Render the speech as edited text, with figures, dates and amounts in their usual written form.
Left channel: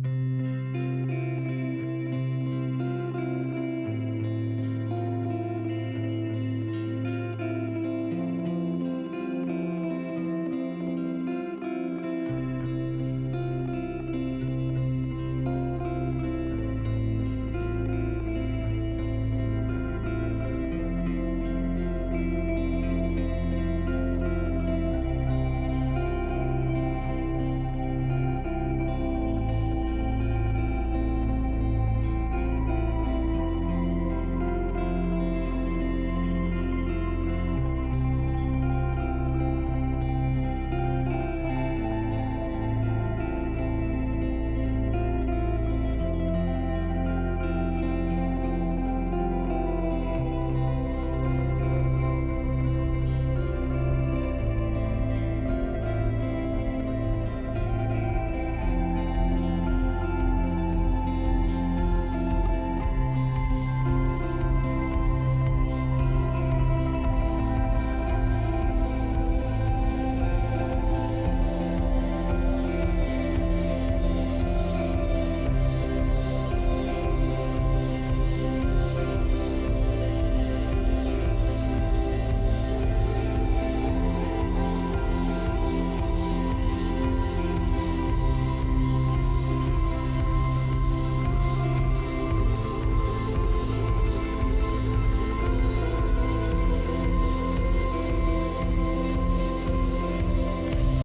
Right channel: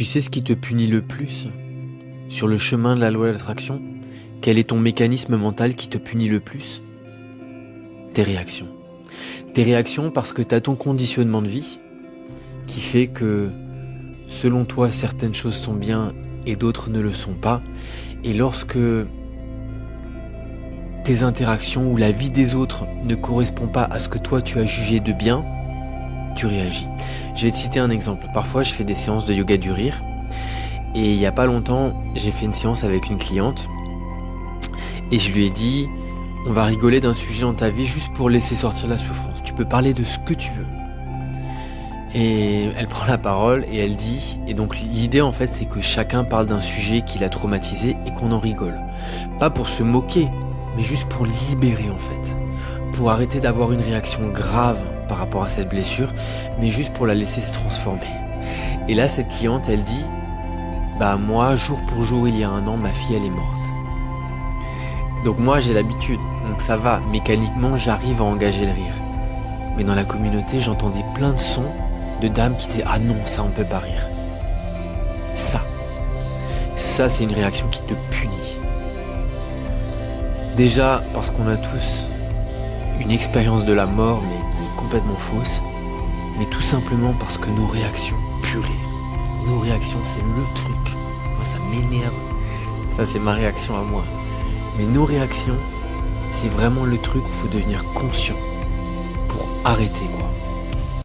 Tu sais ce qui te punit le plus sur le chemin de la loi d'attraction? Quel est ton mécanisme mental qui te punit le plus? Tes réactions. Tes réactions parce que tu as ton conditionnement de vie qui fait que, selon toi, certaines choses sont bien et d'autres ne le sont pas. Et lorsque tes interactions ou la vie des autres ne correspond pas à ce que toi tu as jugé de bien, tu réagis. Je vais te citer un exemple. Parfois, je fais des séances de yoga du rire et il y a pas longtemps, j'ai fait une séance avec une cliente et je lui ai dit: «On va rigoler d'un sujet dans ta vie juste pour laisser sortir la souffrance. Tu peux parler de ce que tu veux». Et elle prend la parole et elle dit, et donc l'idée en fait, c'est que chacun parle d'un sujet qui l'a traumatisé et qu'on en rigole. Pas pour se moquer, mais juste pour libérer en fait. Pour arrêter d'avoir une réaction grave par rapport à cette blessure, mais juste pour la laisser se transformer. Et là, cette cliente, elle dit: «Bah moi, jour pour jour, il y a 1 an, ma fille, elle est morte». Donc moi, j'ai l'habitude, donc ça va, mécaniquement, j'arrive à engager le rire. Mais dans la communauté, j'entendais plein de sons de dames qui disaient: «Ah non, ça, on peut pas rire». Ça, c'est une réaction qui te punit. Déjà, parce qu'on a tous une expérience de la mort, mais qui est complètement fausse, mais tout simplement parce que nos réactions, purée, nos réactions, c'est le truc. Moi, ça m'énerve. Ça, c'est ma réaction à moi. Mais nos réactions, c'est vraiment le truc qu'il faut devenir conscient pour arrêter, quoi.